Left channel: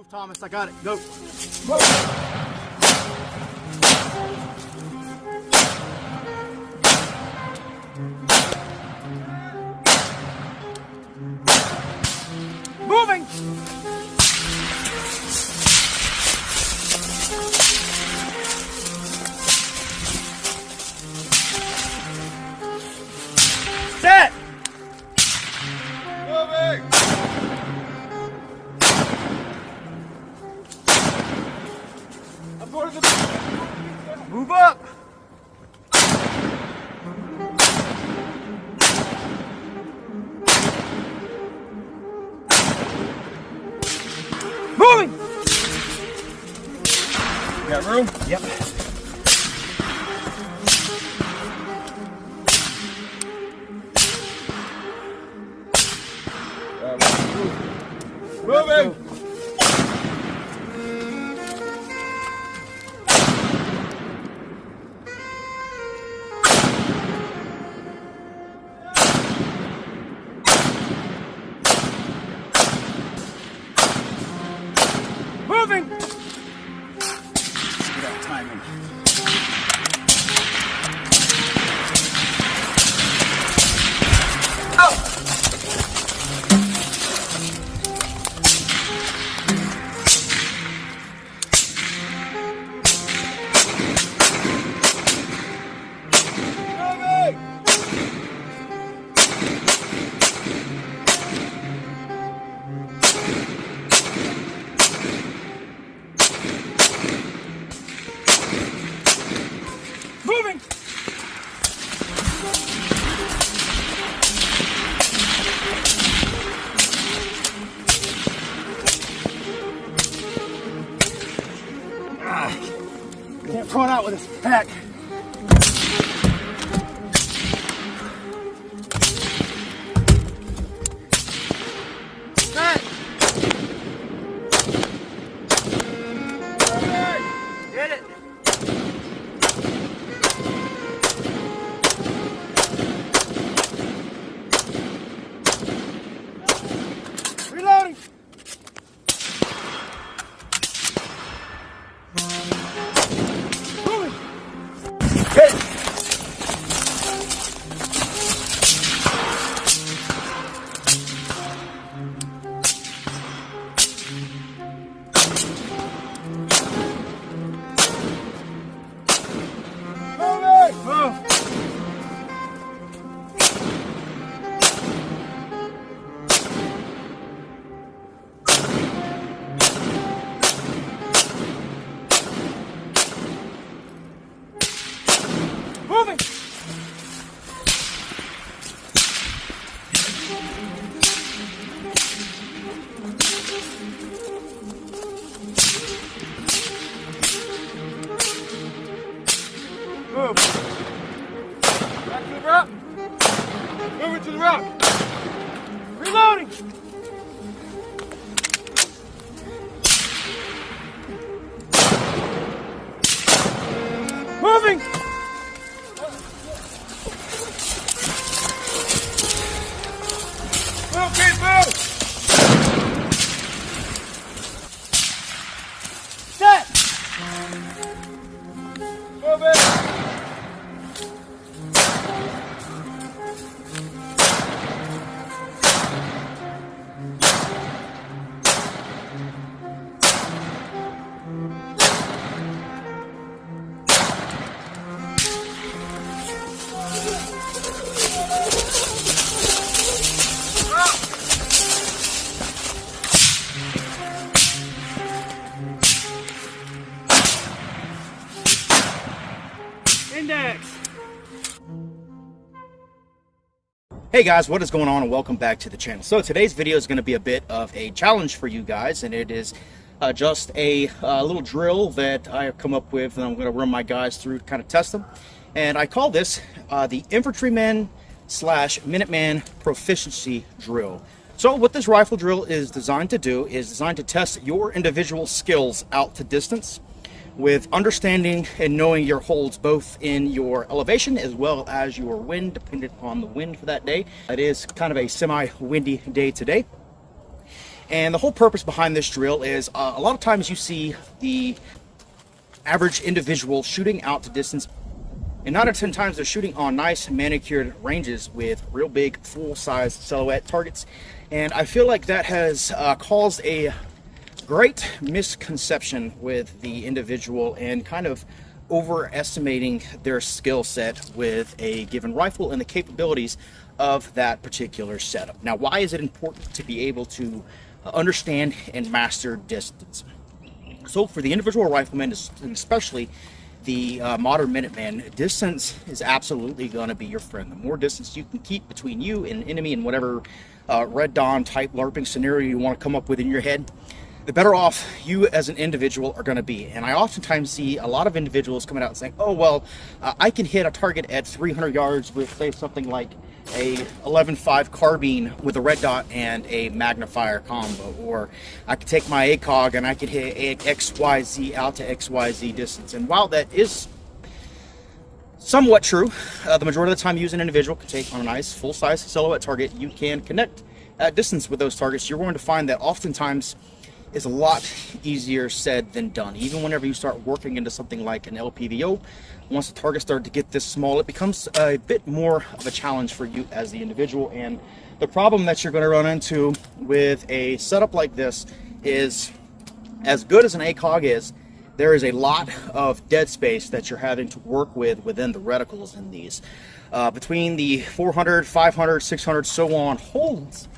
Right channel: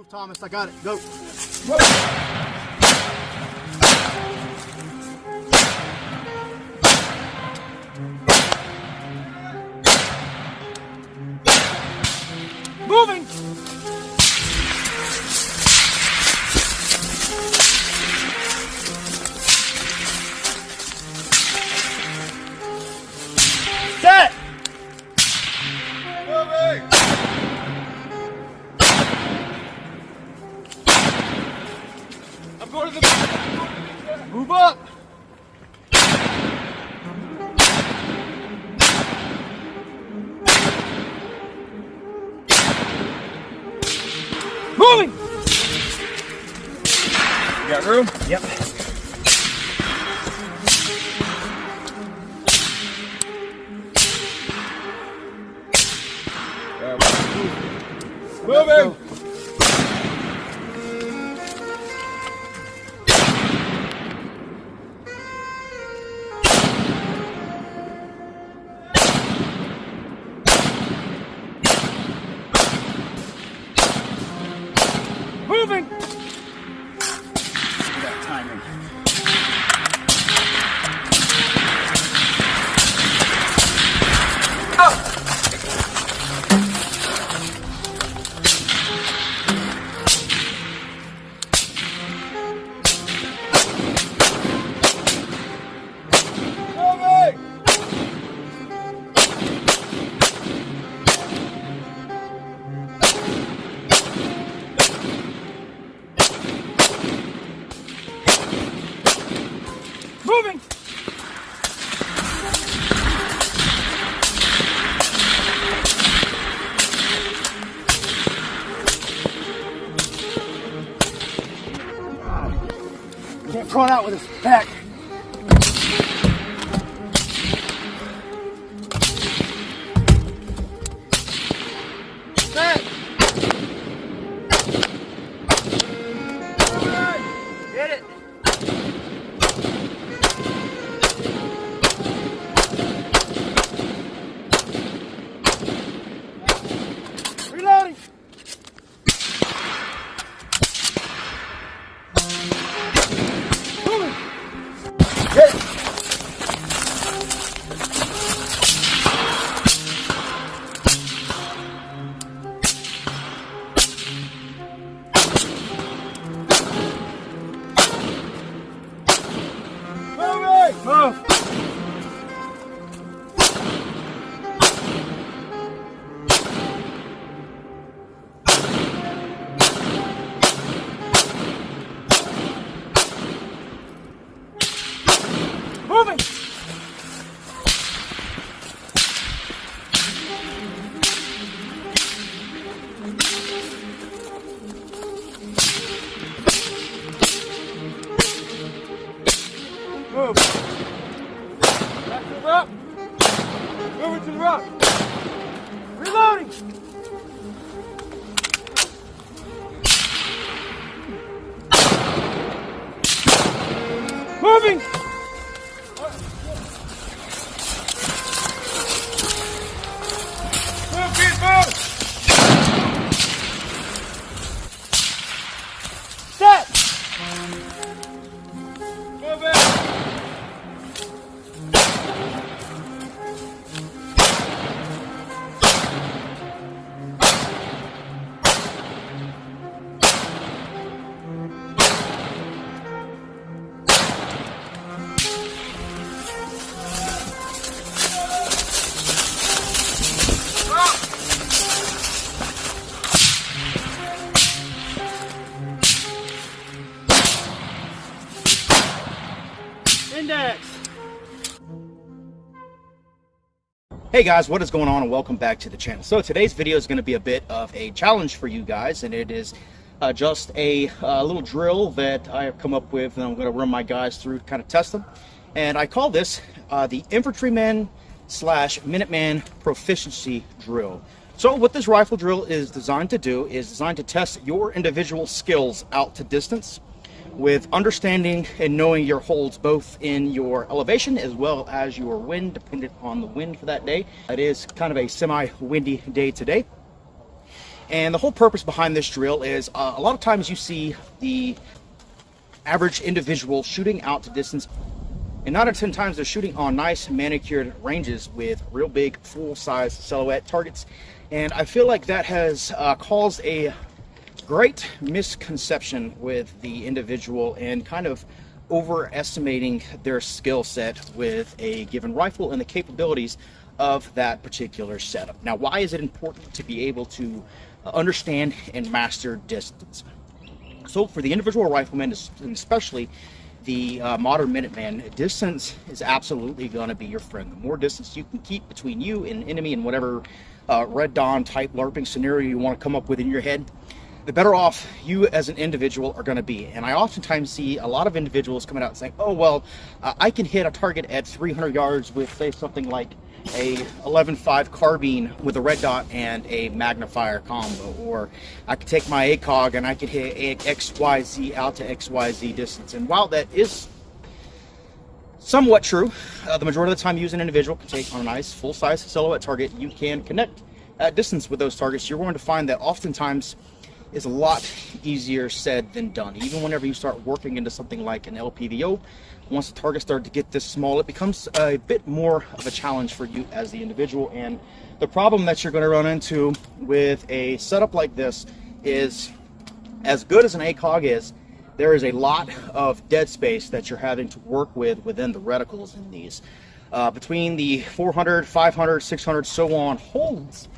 Move, Thomas. I got it. Go. Moving. Set. Moving. I'm going to the... Move up. Moving. You got room? Yep. Moving. Moving. We got timing. Moving. Can't throw it out with his back. Set. Get it. Reloading. Moving. Hit. Moving. Move. Moving. Move. Back to the rope. Moving to the rope. Reloading. Moving. Move, kid, move. Set. Moving. Index. Hey guys, what is going on, and welcome back to the channel. So today's video is going to be a bit of a challenge for you guys, and it is just a little drill that I have come up with, and I'm going to run my guys through to kind of test them. And I call this the Infantryman / Minuteman Proficiency Drill. So what this rifle drill is designed to do is designed to test your individual skills out to distance, with understanding and knowing your holds both in your elevation as well as your wind, depending on the wind for that day. It is kind of a semi-windy day today. And the whole purpose behind this drill is a lot of times you see the average individual shooting out to distance, and 9 out of 10 times they're shooting on nice manicured ranges with real big full-size silhouette targets. And I feel like that has caused a great misconception with the individual and kind of overestimating their skill set with a given rifle and the capabilities of that particular setup. Now, why is it important to be able to understand and master distance? So for the individual rifleman, and especially the modern Minuteman, distance is absolutely going to be your friend. The more distance you can keep between you and enemy in whatever Red Dawn type LARPing scenario you want to come up with in your head, the better off you as an individual are going to be. And I oftentimes see a lot of individuals coming out and saying, oh, well, I can hit a target at 300 yards with, say, something like a 11.5 carbine with a red dot and a magnifier combo, or I could take my ACOG and I could hit XYZ out to XYZ distance. And while that is somewhat true, the majority of the time you as an individual can take on a nice full-size silhouette target, you can connect at distance with those targets. You're going to find that oftentimes is a lot easier said than done. Even whenever you start working into something like an LPVO, once the targets start to get this small, it becomes a bit more of a challenge for you as the individual. And the problem that you're going to run into with a setup like this is, as good as an ACOG is, there is a lot of dead space that you're having to work with within the reticles in these. Between the 400, 500, 600, so on holds,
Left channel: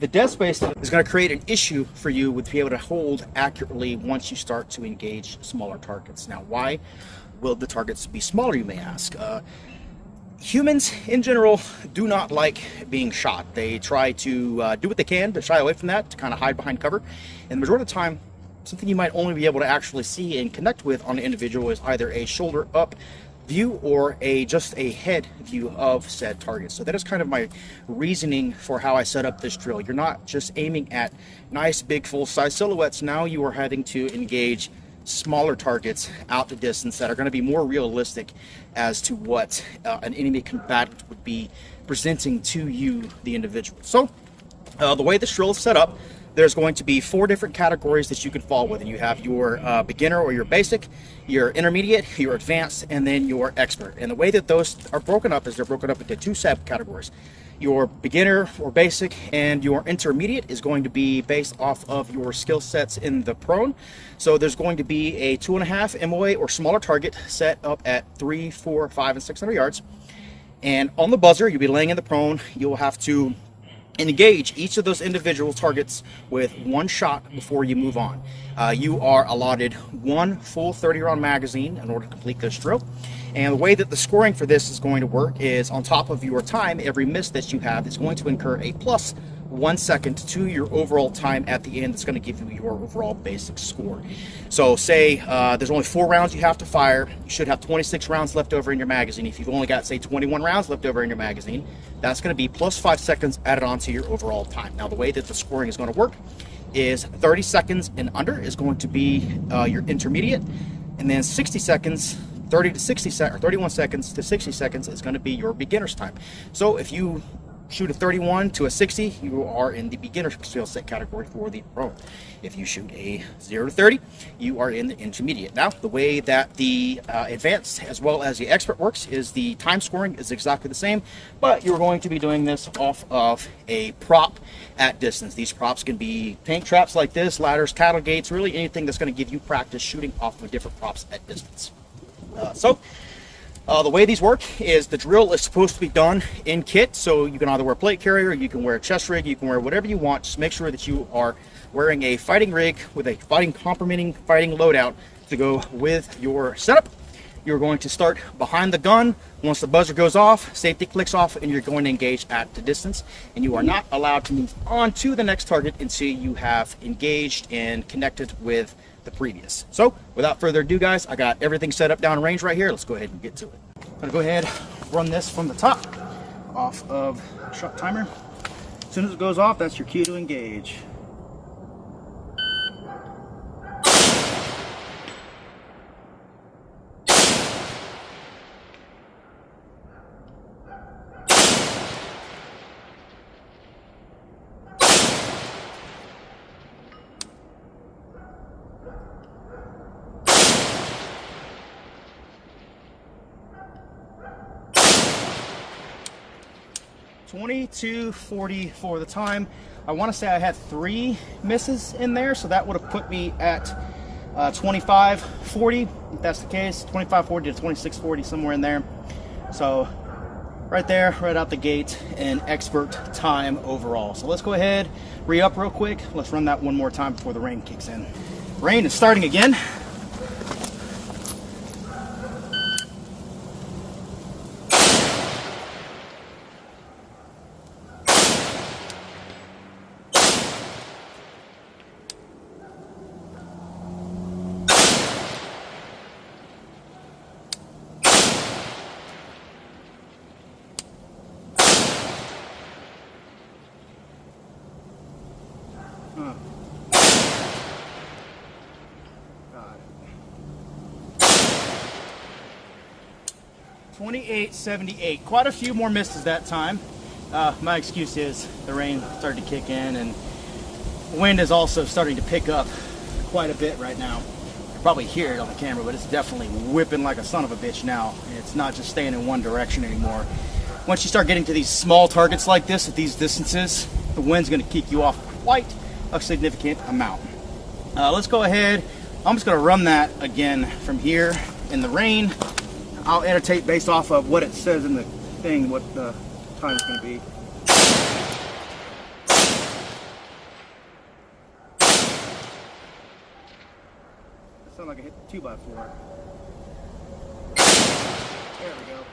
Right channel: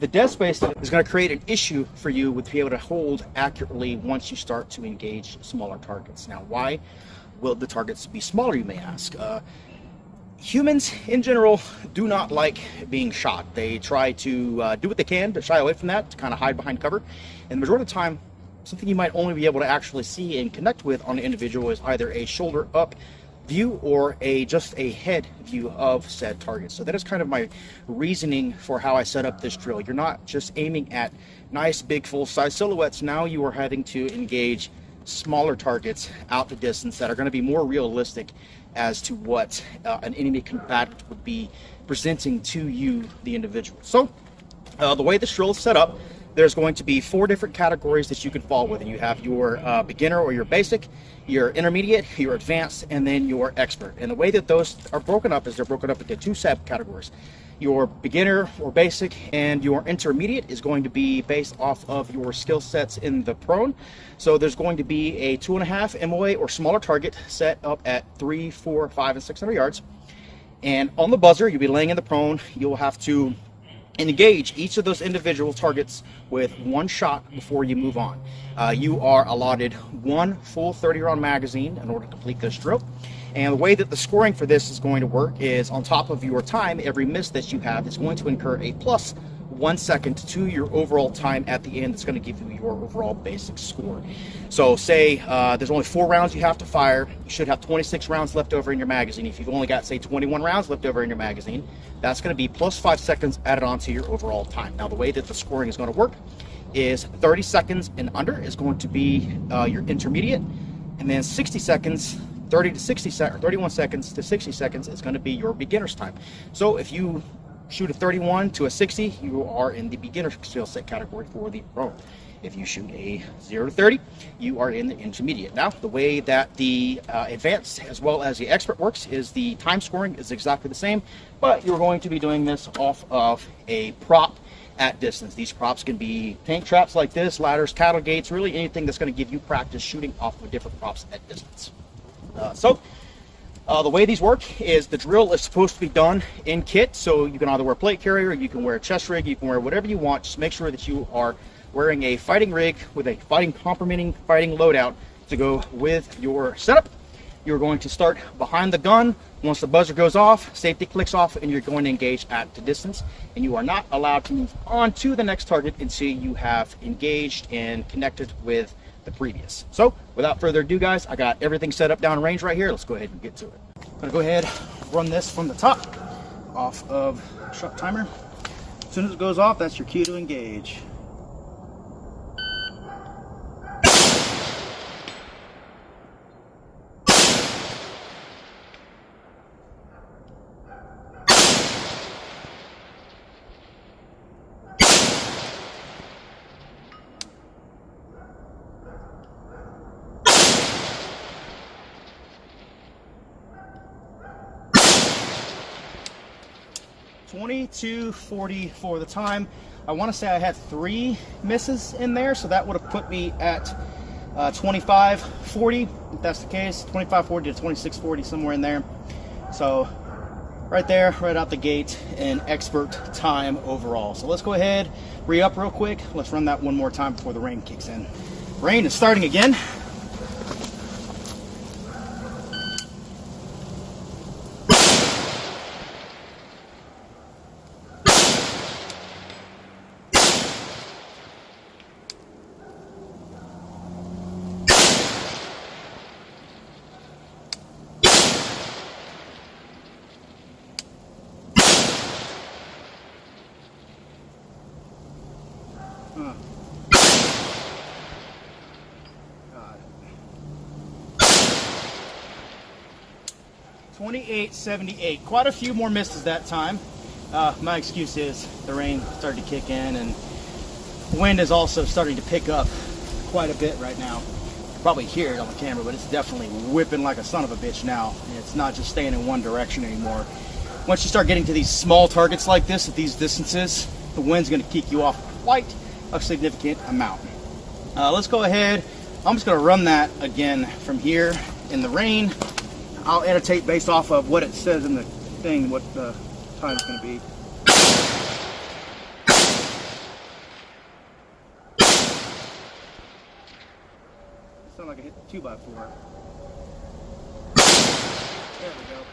the dead space is going to create an issue for you with being able to hold accurately once you start to engage smaller targets. Now, why will the targets be smaller, you may ask? Humans in general do not like being shot. They try to do what they can to shy away from that, to kind of hide behind cover. And the majority of the time, something you might only be able to actually see and connect with on an individual is either a shoulder up view or just a head view of said target. So that is kind of my reasoning for how I set up this drill. You're not just aiming at nice big full-size silhouettes. Now you are having to engage smaller targets out the distance that are going to be more realistic as to what an enemy combatant would be presenting to you, the individual. So the way this drill is set up, there's going to be 4 different categories that you can fall within. You have your beginner or your basic, your intermediate, your advanced, and then your expert. And the way that those are broken up is they're broken up into 2 subcategories. Your beginner or basic and your intermediate is going to be based off of your skill sets in the prone. So there's going to be a 2.5 MOA or smaller target set up at 3, 4, 5, and 600 yards. And on the buzzer, you'll be laying in the prone. You'll have to engage each of those individual targets with 1 shot before you move on. You are allotted 1 full 30-round magazine in order to complete this drill. And the way that the scoring for this is going to work is, on top of your time, every miss that you have is going to incur a plus 1 second to your overall time at the end. That's going to give you your overall basic score. So say there's only 4 rounds you have to fire. You should have 26 rounds left over in your magazine. If you've only got, say, 21 rounds left over in your magazine, that's going to be plus 5 seconds added on to your overall time. Now, the way that the scoring is going to work is 30 seconds and under is going to be your intermediate, and then 60 seconds, 30 to 60 seconds, or 31 seconds to 60 seconds is going to be your beginner's time. So if you shoot a 31 to a 60, you are in the beginner skill set category for the pro. If you shoot a 0 to 30, you are in the intermediate. Now, the way that the advanced as well as the expert works is the time scoring is exactly the same, but you're going to be doing this off of a prop at distance. These props can be tank traps like this, ladders, cattle gates, really anything that's going to give you practice shooting off of different props at distance. The way these work is the drill is supposed to be done in kit, so you can either wear plate carrier, you can wear a chest rig, you can wear whatever you want. Just make sure that you are wearing a fighting rig with a complementing fighting loadout to go with your setup. You're going to start behind the gun. Once the buzzer goes off, safety clicks off, and you're going to engage at the distance. And you are not allowed to move on to the next target until you have engaged and connected with the previous. So without further ado, guys, I got everything set up down range right here. Let's go ahead and get to it. I'm gonna go ahead, run this from the top off of shot timer. As soon as it goes off, that's your key to engage. 22:40 for the time. I want to say I had 3 misses in there, so that would have put me at 25:40, if that's the case. 25:40 to 26:40, somewhere in there. So right there, right out the gate, an expert time overall. So let's go ahead, re-up real quick. Let's run that one more time before the rain kicks in. Rain is starting again. Got it. 28.78. Quite a few more misses that time. My excuse is the rain started to kick in, and the wind is also starting to pick up quite a bit right now. You can probably hear it on the camera, but it's definitely whipping like a son of a bitch now. And it's not just staying in one direction anymore. Once you start getting to these small targets like this at these distances, the wind's going to kick you off quite a significant amount. Let's go ahead. I'm just going to run that again from here in the rain. I'll annotate based off of what it says in the thing, what the time is going to be. It sounds like I hit the 2x4. There we go.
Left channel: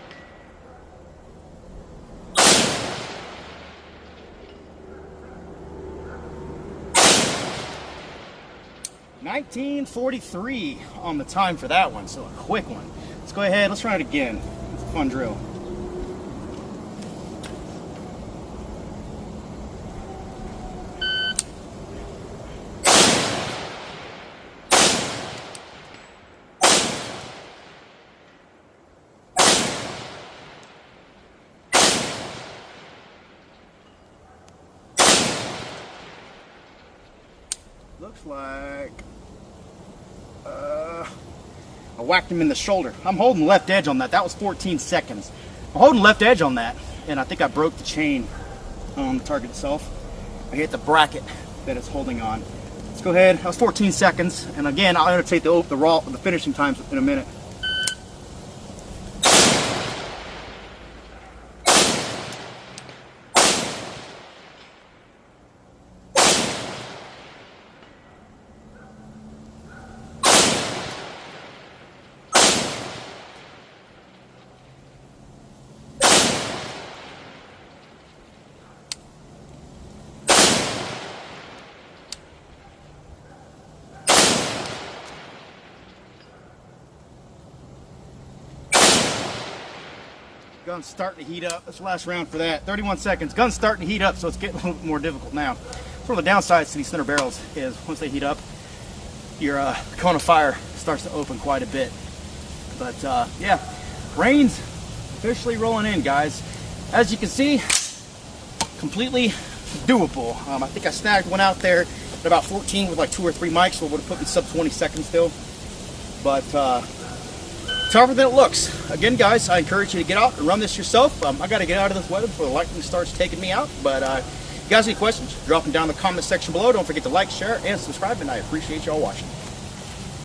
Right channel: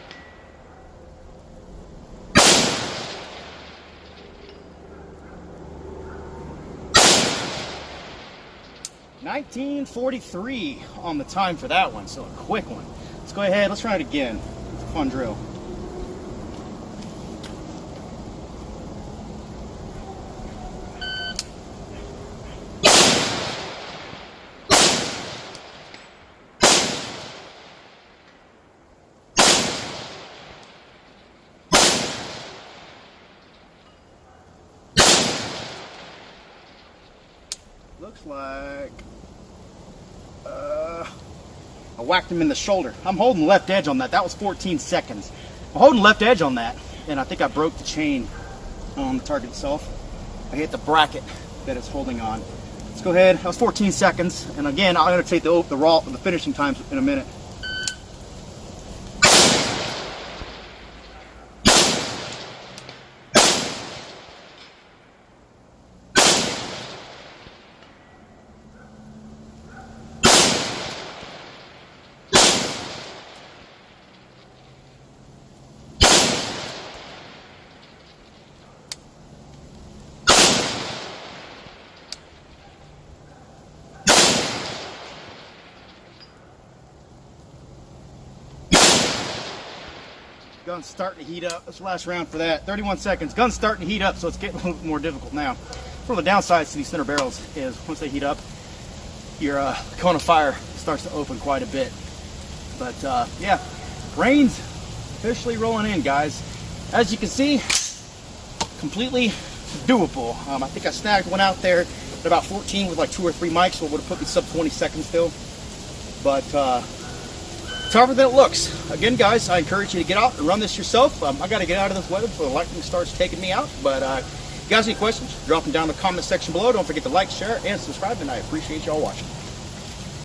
$19.43 on the time for that one, so a quick one. Let's go ahead, let's try it again. It's a fun drill. Looks like I whacked him in the shoulder. I'm holding left edge on that. That was 14 seconds. I'm holding left edge on that, and I think I broke the chain on the target itself. I hit the bracket that it's holding on. Let's go ahead. That was 14 seconds, and again, I'll annotate the finishing times in a minute. Gun's starting to heat up. That's the last round for that. 31 seconds. Gun's starting to heat up, so it's getting a little bit more difficult now. One of the downsides to these center barrels is once they heat up, your cone of fire starts to open quite a bit. But yeah, rain's officially rolling in, guys. As you can see, completely doable. I think I snagged one out there at about 14 with like 2 or 3 mics, so it would have put me sub 20 seconds still. But tougher than it looks. Again, guys, I encourage you to get out and run this yourself. I got to get out of this weather before the lightning starts taking me out. But if you guys have any questions, drop them down in the comment section below. Don't forget to like, share, and subscribe, and I appreciate y'all watching.